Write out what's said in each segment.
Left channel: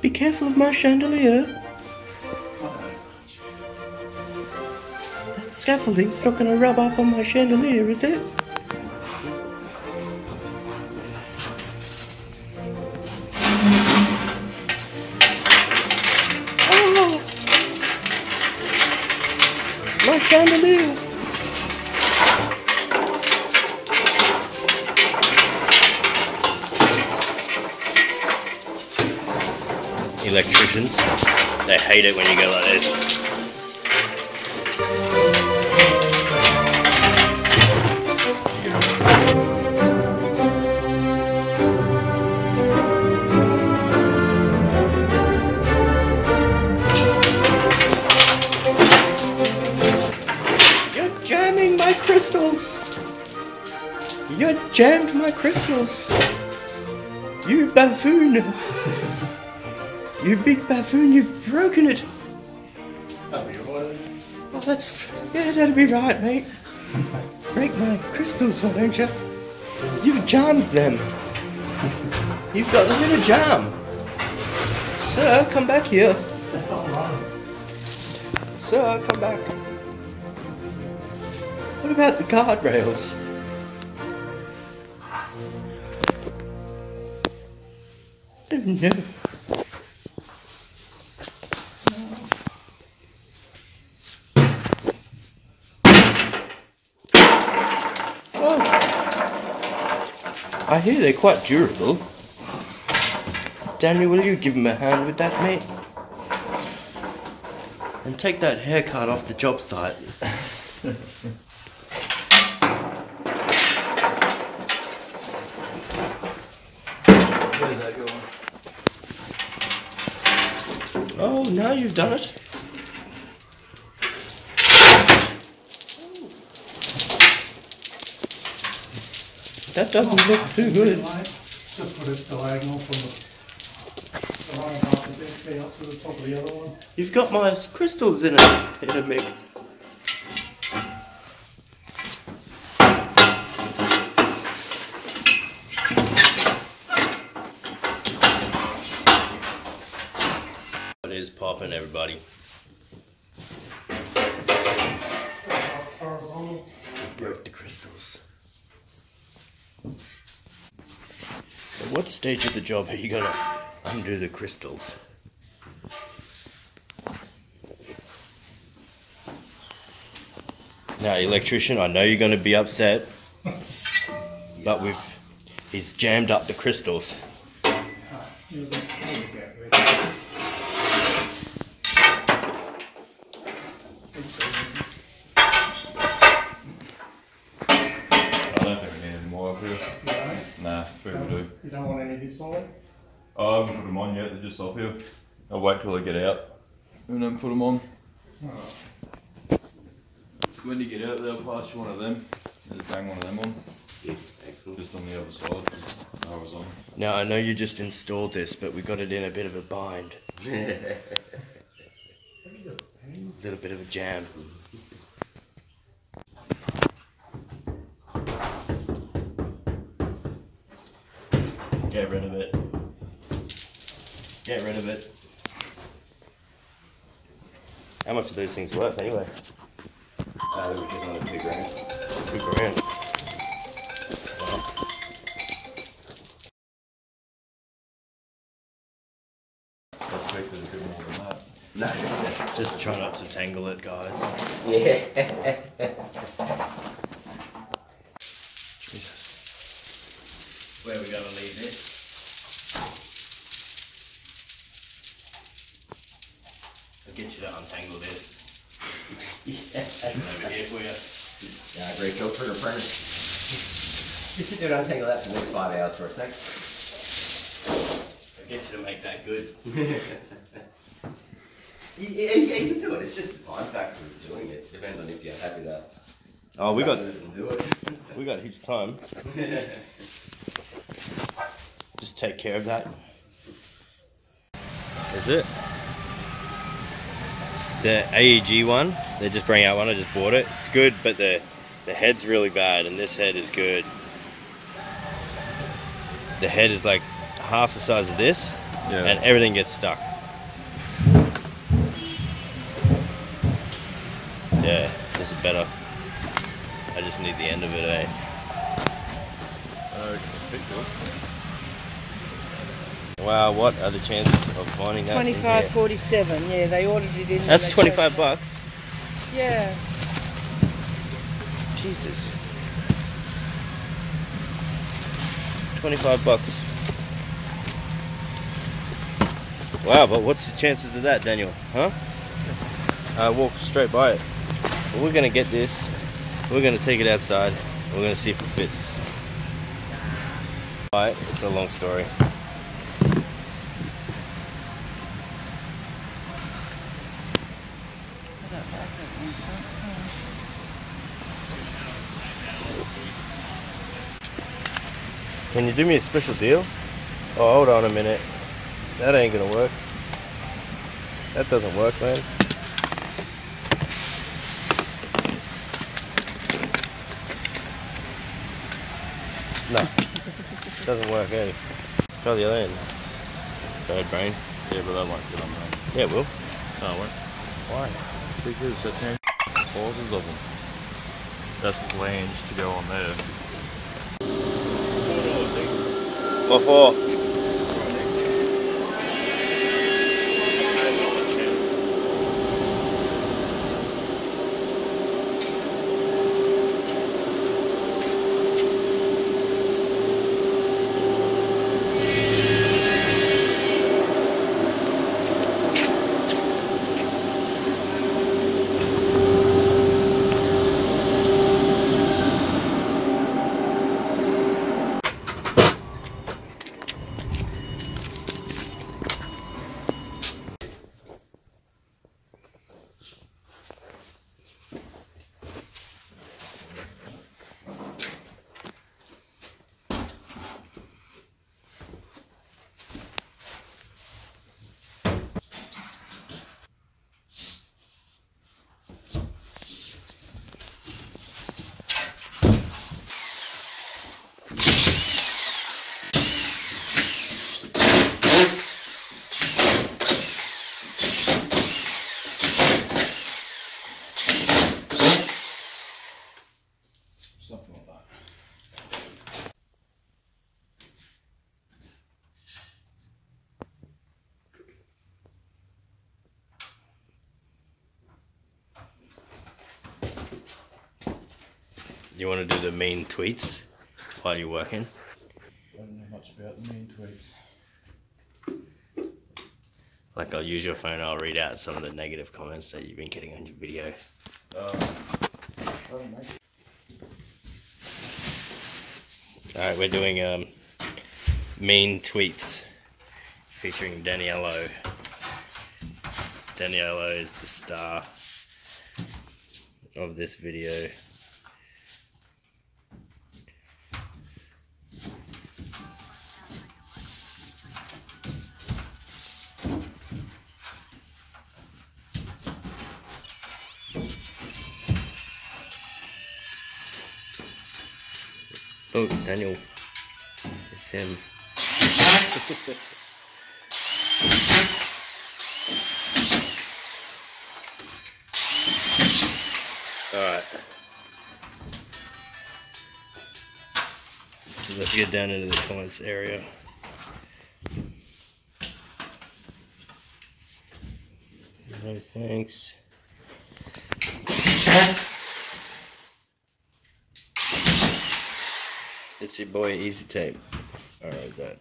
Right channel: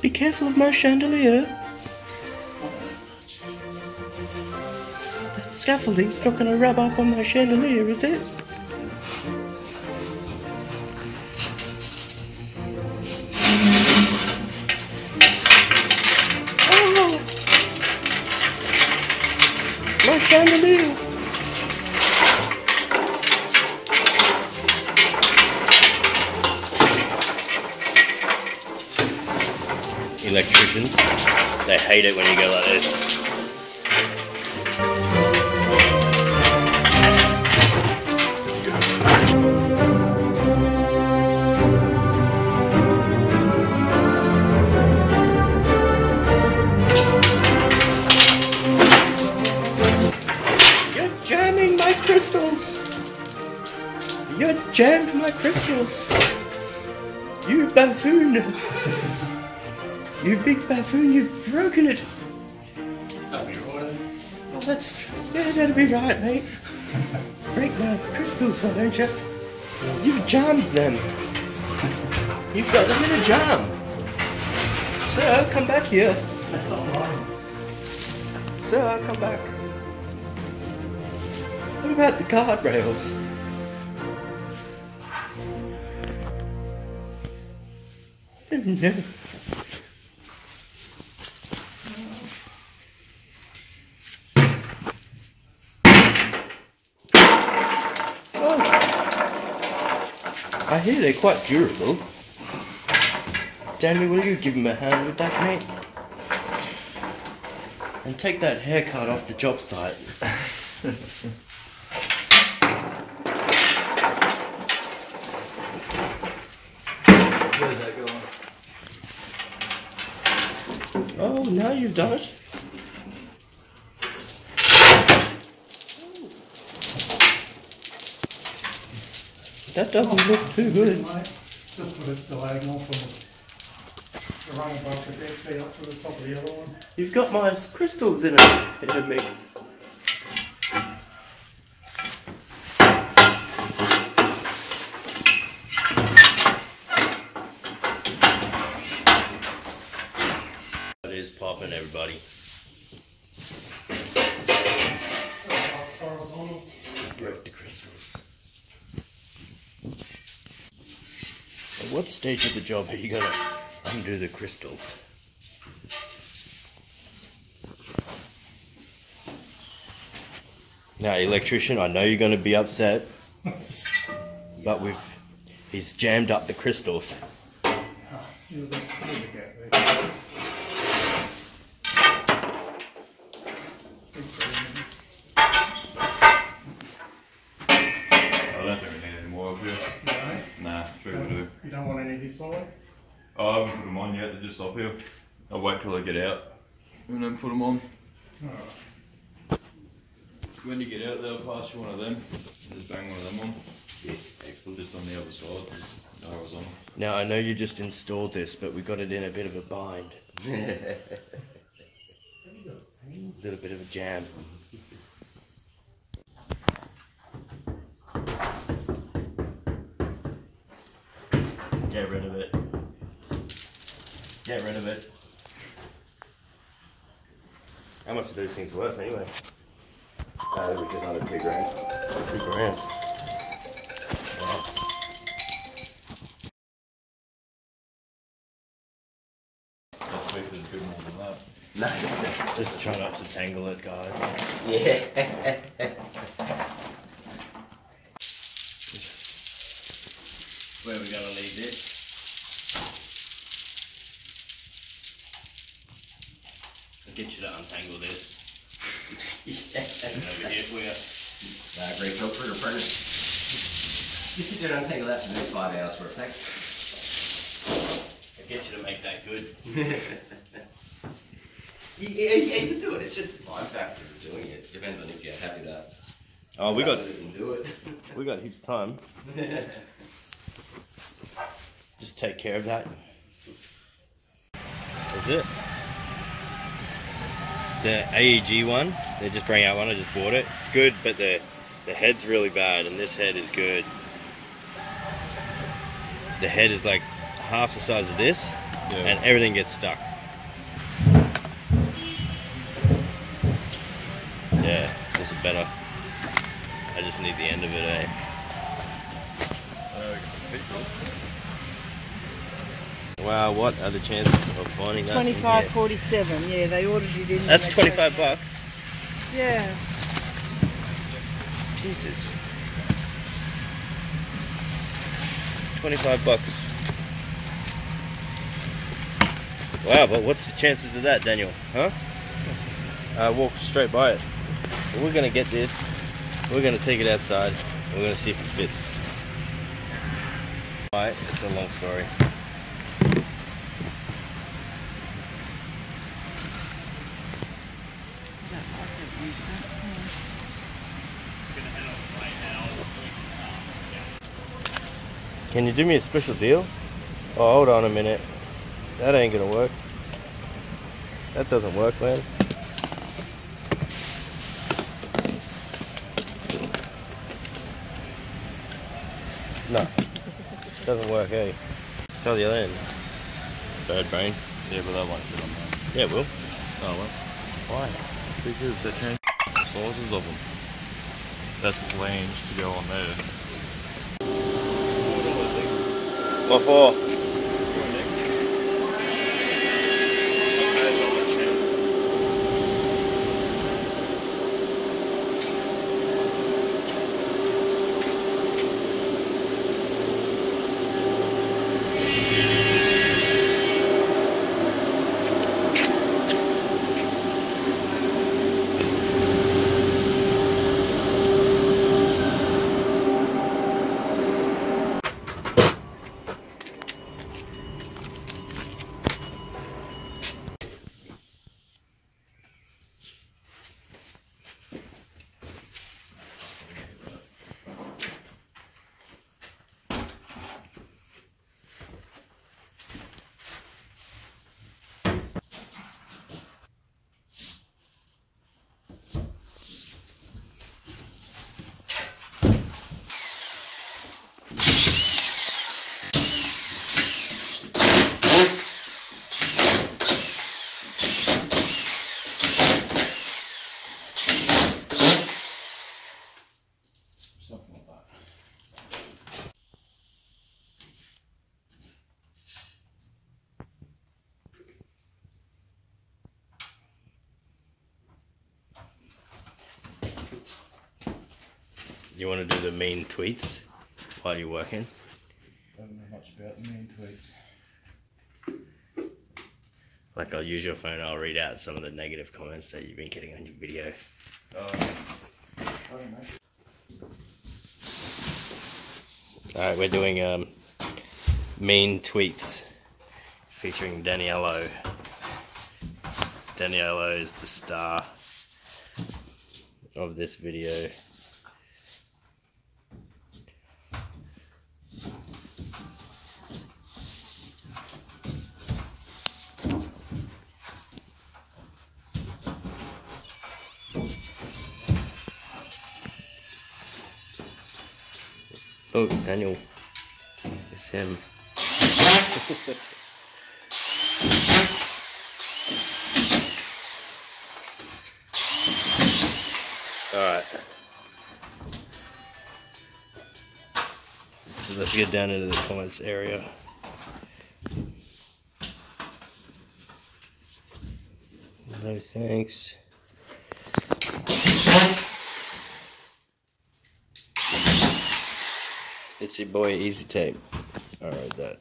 Be careful of my chandelier. That scaffolding's not going to rub up on my chandelier, is it? Oh! My chandelier! Electricians, they hate it when you go like this. You're jamming my crystals! You jammed my crystals! You buffoon! You big buffoon, you've broken it! That'll be right. Oh, yeah, that'll be right, mate. Break my crystals, why don't you? You've jammed them. You've got them in a jam. Sir, come back here. Sir, come back. What about the guardrails? Oh no. I hear they're quite durable. Daniel, will you give him a hand with that, mate? And take that haircut off the job site. Where's that going? Oh, now you've done it. That doesn't look too good. Just put it diagonal from the line above the deck, say up to the top of the other one. You've got my crystals in a mix. It is popping, everybody. Broke the crystals. At what stage of the job are you gonna undo the crystals? Now, electrician, I know you're gonna be upset, but he's jammed up the crystals. You don't want any this side? Oh, I haven't put them on yet, they're just up here. I'll wait till they get out and then put them on. Alright. When you get out there, I'll pass you one of them. Just hang one of them on. Yeah, excellent. Just on the other side, because I was on. Now, I know you just installed this, but we got it in a bit of a bind. A little bit of a jam. Get rid of it. Get rid of it. How much are these things worth anyway? They were just under $2 grand. $2 grand. Wow. That's cheaper than good more than that. No, just try not to tangle it, guys. Yeah. Where are we going to leave this? I'll get you to untangle this. Over here for you. Yeah, great joke for the apprentice. You sit there and untangle that for the next 5 hours for a thanks. I'll get you to make that good. Yeah, you can do it. It's just the time factor of doing it. Depends on if you're happy with that. Oh, we got do it. we got heaps of time. Just take care of that. Is it? The AEG one, they just bring out one, I just bought it. It's good, but the head's really bad and this head is good. The head is like half the size of this and everything gets stuck. Yeah, this is better. I just need the end of it, eh? Wow, what are the chances of finding that? 25.47. Yeah, they ordered it in. That's 25 bucks. Yeah. Jesus. 25 bucks. Wow, but what's the chances of that, Daniel? Huh? Walk straight by it. But we're gonna get this. We're gonna take it outside. We're gonna see if it fits. Alright, it's a long story. Can you do me a special deal? Oh, hold on a minute. That ain't gonna work. That doesn't work, man. No. Doesn't work, eh? Try the other end. Bird brain. Yeah, but that won't fit on there. Yeah, it will. No, it won't. Why? Because they changed sizes of them. That's flange to go on there. What for? Something like that. You want to do the mean tweets while you're working? I don't know much about the mean tweets. Like, I'll use your phone, I'll read out some of the negative comments that you've been getting on your video. I don't know. Alright, we're doing mean tweets featuring Daniello. Daniello is the star of this video. Oh, Daniel. It's him. Alright. So let's get down into the comments area. No thanks. It's your boy Easy Tape. Alright, that.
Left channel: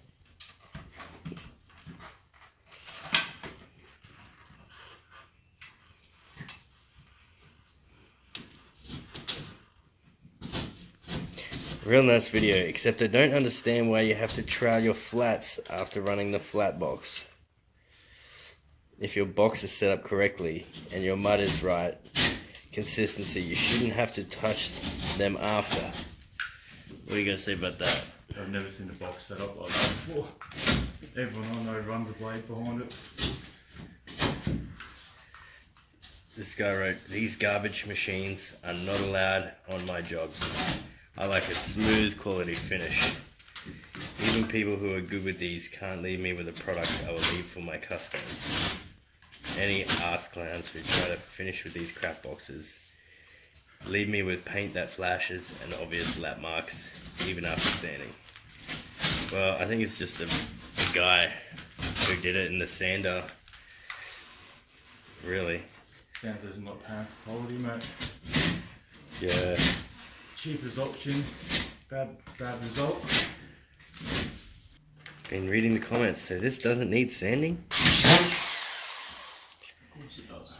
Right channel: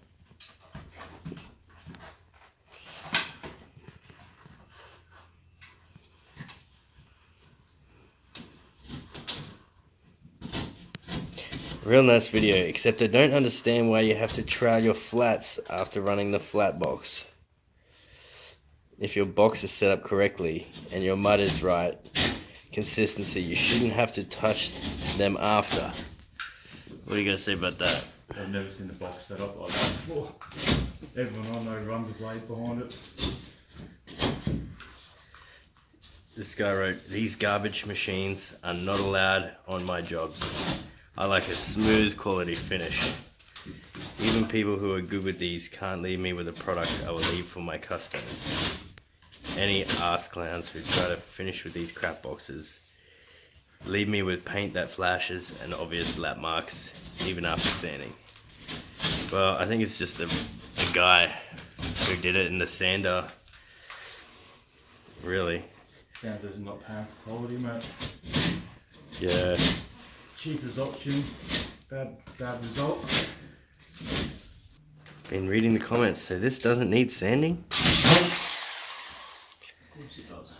Real nice video, except I don't understand why you have to trowel your flats after running the flat box. If your box is set up correctly and your mud is right, consistency, you shouldn't have to touch them after. What are you going to say about that? I've never seen a box set up like that before. Everyone I know runs a blade behind it. This guy wrote, "These garbage machines are not allowed on my jobs. I like a smooth quality finish." Even people who are good with these can't leave me with a product I will leave for my customers. Any arse clowns who try to finish with these crap boxes leave me with paint that flashes and obvious lap marks even after sanding. Well, I think it's just a guy who did it in the sander. Really. Sounds as not paying for quality, mate. Yeah. Cheapest option, bad result. Been reading the comments, so this doesn't need sanding? Of course it does.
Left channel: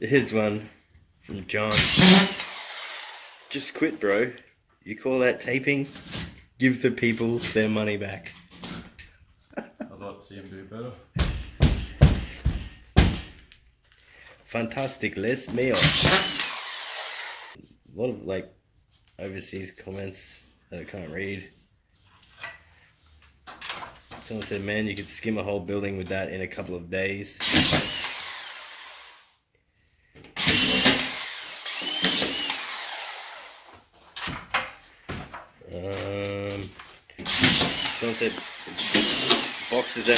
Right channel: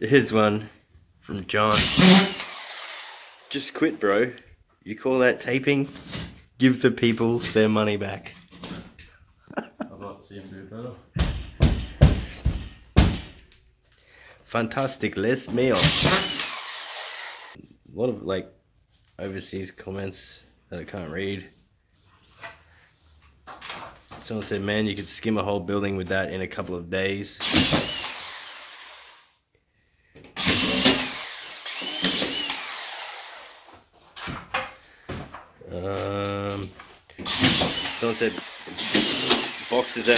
Here's one from John. Just quit, bro. You call that taping? Give the people their money back. I'd like to see him do better. Fantastic, les meal. A lot of like overseas comments that I can't read. Someone said, man, you could skim a whole building with that in a couple of days. Someone said boxes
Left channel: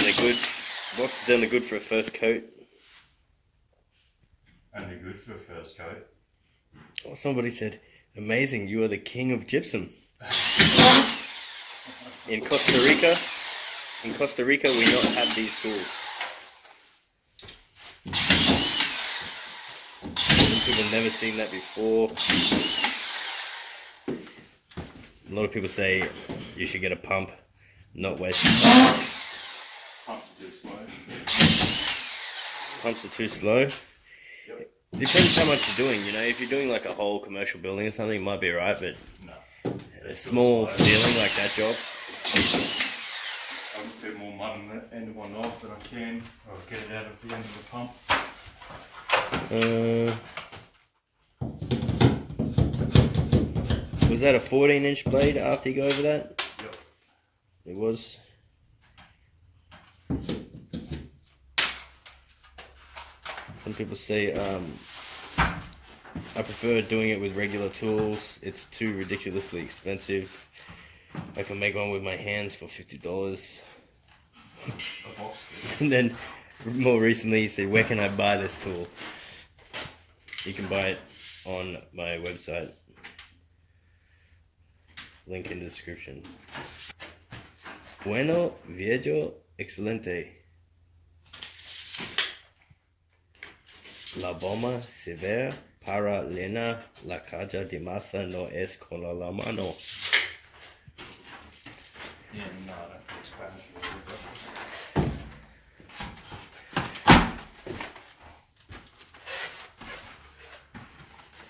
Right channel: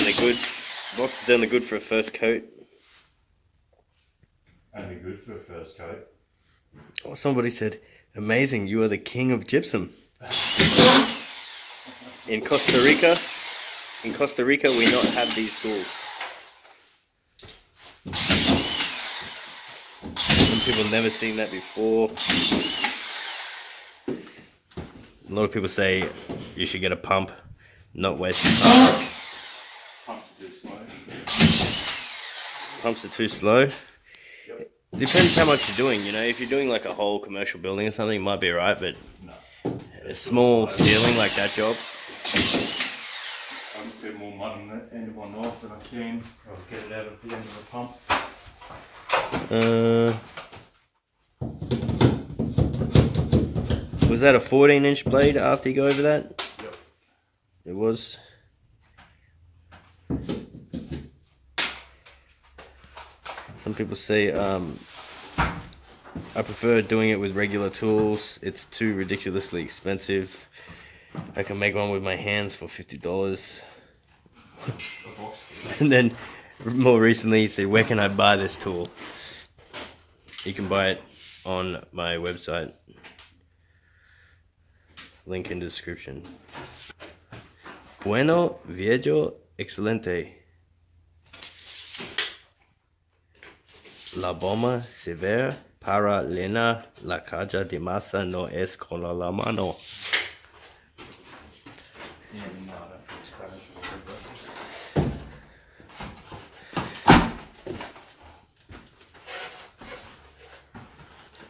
only good for a first coat. Only good for a first coat. Oh, somebody said, amazing, you are the king of gypsum. In Costa Rica we not have these tools. Some people have never seen that before. A lot of people say you should get a pump, not waste your time. Pumps are too slow. Pumps are too slow. Yep. Depends how much you're doing, you know. If you're doing like a whole commercial building or something, it might be alright, but No. a small ceiling like that job. I can fit more mud on the end of my knife than I can. I'll get it out of the end of the pump. Was that a 14-inch blade after you go over that? Yep. It was. Some people say I prefer doing it with regular tools. It's too ridiculously expensive. I can make one with my hands for $50. And then more recently he said, where can I buy this tool? You can buy it on my website. Link in the description. Bueno, viejo, excelente. La bomba se ve para llenar la caja de masa no es con la mano. Yeah, no, I don't think Spanish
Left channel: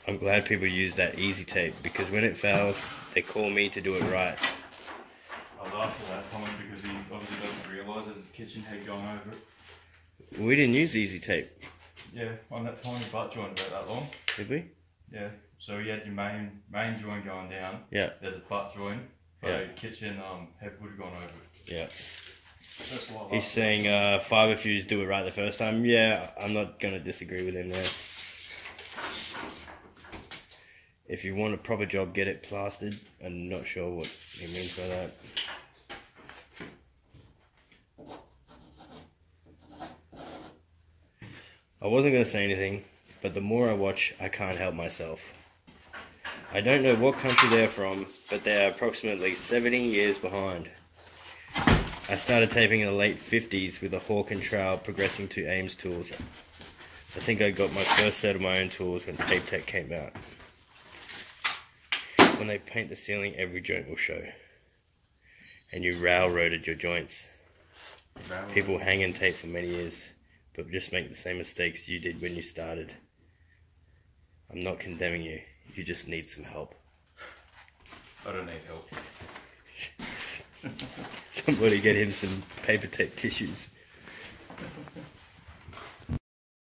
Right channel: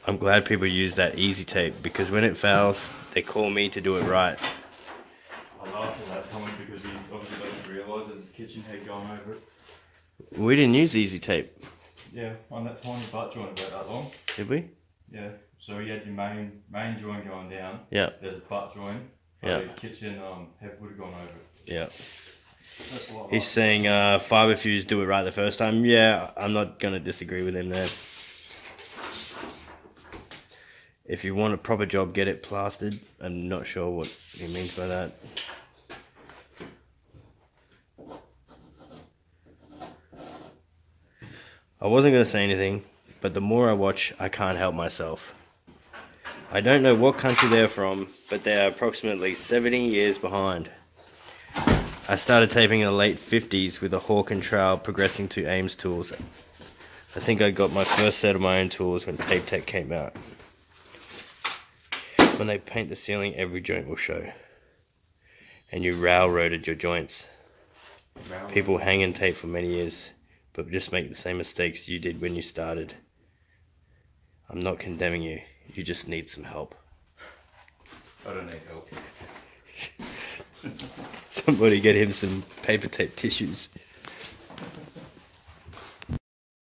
I'm glad people use that easy tape because when it fails, they call me to do it right. I laughed at that comment because he obviously doesn't realise there's a kitchen head going over it. We didn't use easy tape, Yeah, on that tiny butt joint about that long. did we? Yeah, so you had your main joint going down. Yeah. There's a butt joint. Yeah. The kitchen head would have gone over it. Yeah. That's what I He's saying fiber fuse do it right the first time. Yeah, I'm not going to disagree with him there. If you want a proper job, get it plastered. I'm not sure what he means by that. I wasn't going to say anything, but the more I watch, I can't help myself. I don't know what country they're from, but they're approximately 70 years behind. I started taping in the late 50s with a Hawk and Trowel progressing to Ames tools. I think I got my first set of my own tools when Tape Tech came out. When they paint the ceiling, every joint will show. And you railroaded your joints. People hang and tape for many years, but just make the same mistakes you did when you started. I'm not condemning you. You just need some help. I don't need help. Somebody get him some paper tape tissues.